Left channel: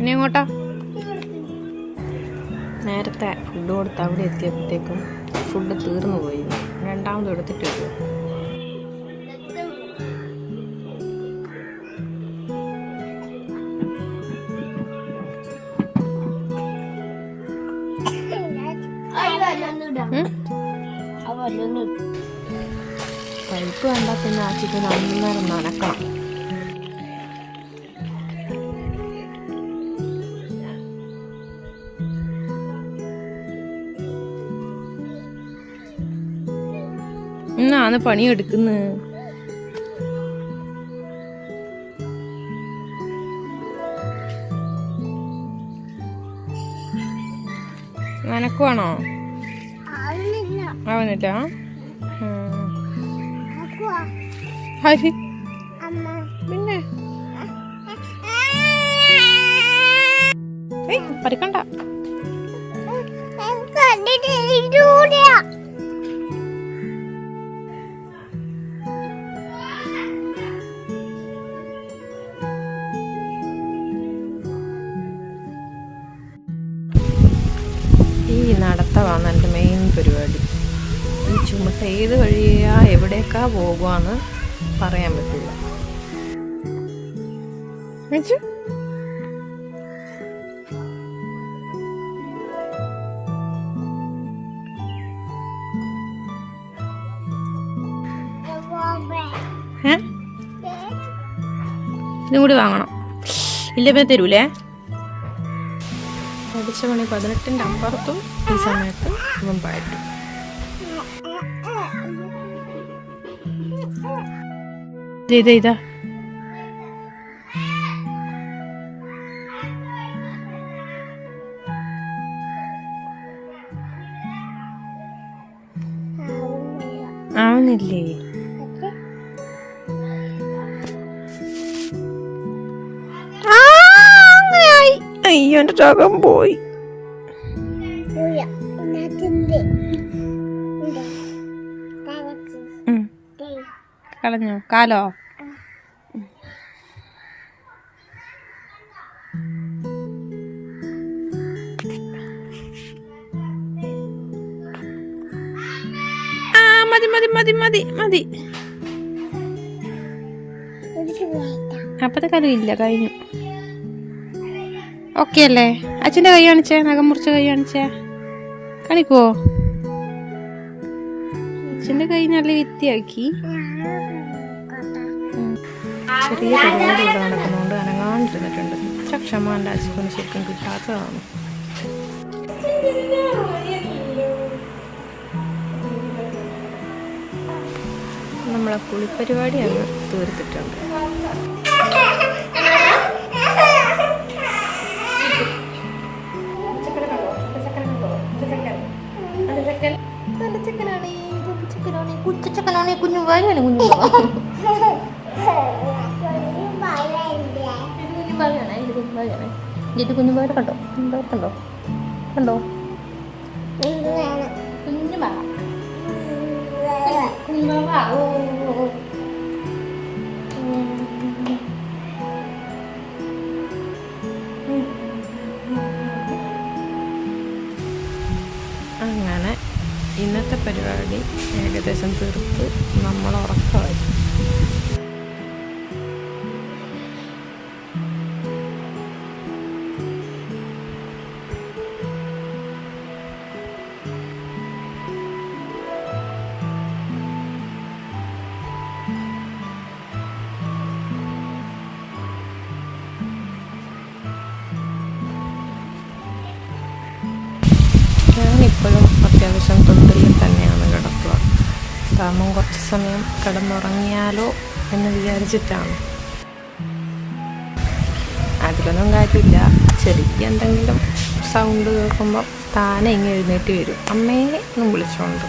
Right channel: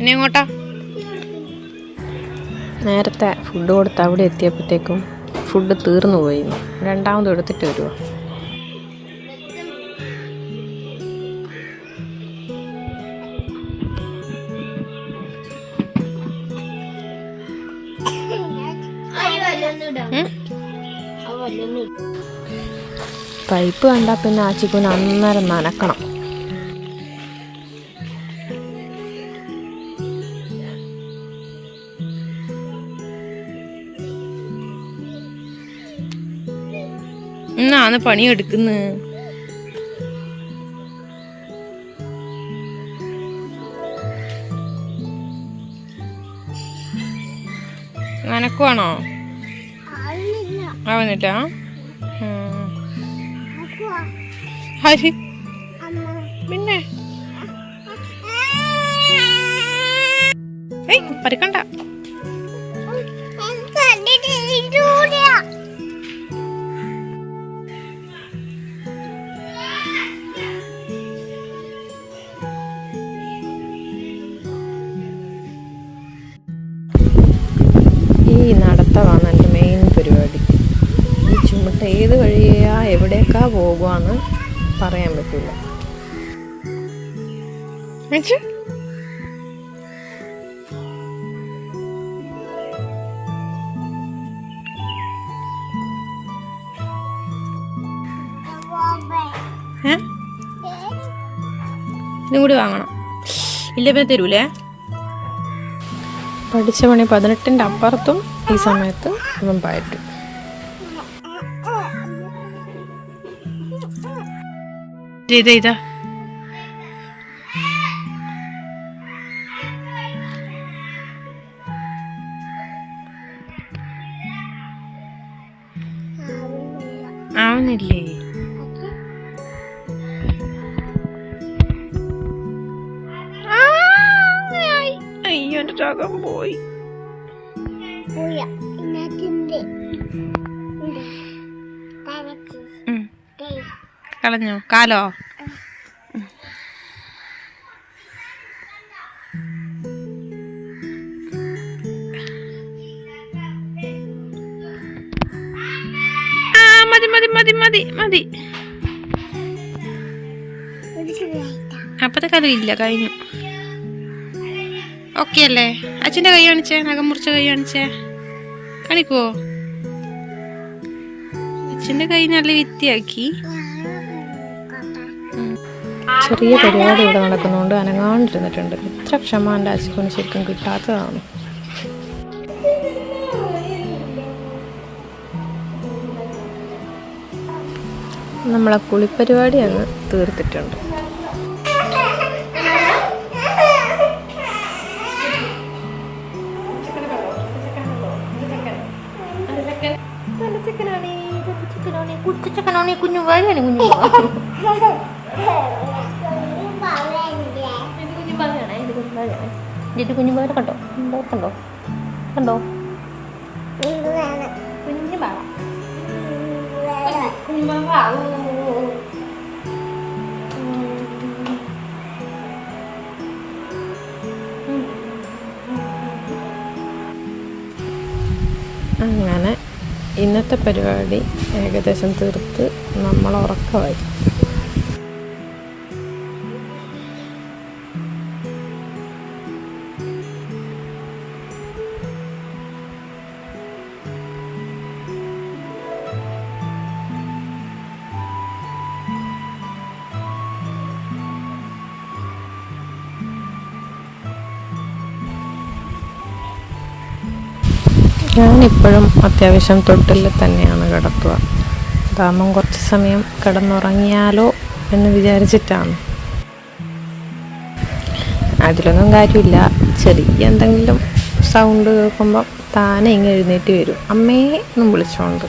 ഇനി എങ്ങോട്ടാ? നേരത്തെ ഫുഡ് കൊടുത്ത് അവിടെ എത്തിയപ്പോഴത്തേക്കും ഫുഡ് തീർന്നു പോയി. രണ്ടാമതും എടുത്തിട്ട് വരുമോ? പൈപ്പ് കണ്ടാൽ പിന്നെ ആച്ചിക്കുന് അന്നേരം നനക്കണം. എന്നാണ് പണിയെടുക്കുന്നത്. നനക്കുവാണോ? ആവുന്നില്ല. ഹരി പിന്നെ പറിക്കണ്ട. ഈ നടത്തമാണ് എൻ്റെ മെയിൻ പരിപാടി. ഈ ചുമട്ട് ഏത് വഴിയാ എവിടേക്കാ പോകുവാന്ന് പറയാൻ പറ്റില്ല. ഇതും കൂടി വാങ്ങണം. ഇല്ല പിന്നെ തരൂലേ? പഠിച്ച പണി 18ൻ്റെ അപ്പുറത്തും ഈ സമയത്ത് ഇവൻ പറ്റും. ഇതാ ആവുന്നില്ലേ? അയ്യോ എൻ്റെ ചകം പോയി. കളഞ്ഞോ? കാലോ? മതി മതി മതി മതി മതി. അപ്പത്തെ കാലം ഇല്ല, കഴിഞ്ഞു. ഓക്കെ അല്ലേ? അച്ഛൻ്റെ കൈ കാണിച്ചേ, നഖം മുറിച്ച കൈ കാണിച്ചേ. കാണിക്കുവോ? അച്ഛൻ്റെ കൈ നല്ല വൃത്തിയാക്കി. ചെറിയ പരിപാടി ഇവിടെ നടക്കുന്നതുകൊണ്ട് അനങ്ങാണ്ടിരുന്നിട്ടുണ്ട്. ഇത്ര ക്ഷമ എൻ്റെ അച്ഛന് ശരിക്കും കിട്ടാത്തതാണ്. നമ്മളെ കുളിപ്പരിപാടി അങ്ങ് തീർത്തിട്ടുണ്ട്. കുഞ്ഞുപാല കണ്ടോ? കണ്ടോ കണ്ടോ? കുഞ്ഞുപാല അങ്ങനെ ഇന്നത്തെ പരിപാടി ഏകദേശം തീർത്ത് നമ്മൾ ഉറക്കമായി. ഞാനിപ്പോഴും അത്യാവശ്യം തൊട്ടിൽ തന്നെയാണ് കിടത്തുക. കാരണം കുറച്ച് സമയം കിടന്നുറങ്ങിയാലോ എന്ന് വിചാരിച്ചിട്ടാണ്. അതിലൊന്നും കാര്യമില്ല. ചെറിയ എന്തെങ്കിലും സൗണ്ട് കേൾക്കുമ്പം താനെ ഇങ്ങനെ എഴുന്നേറ്റ് വരും, അമ്മയെ എന്നും വിളിച്ചോണ്ട്.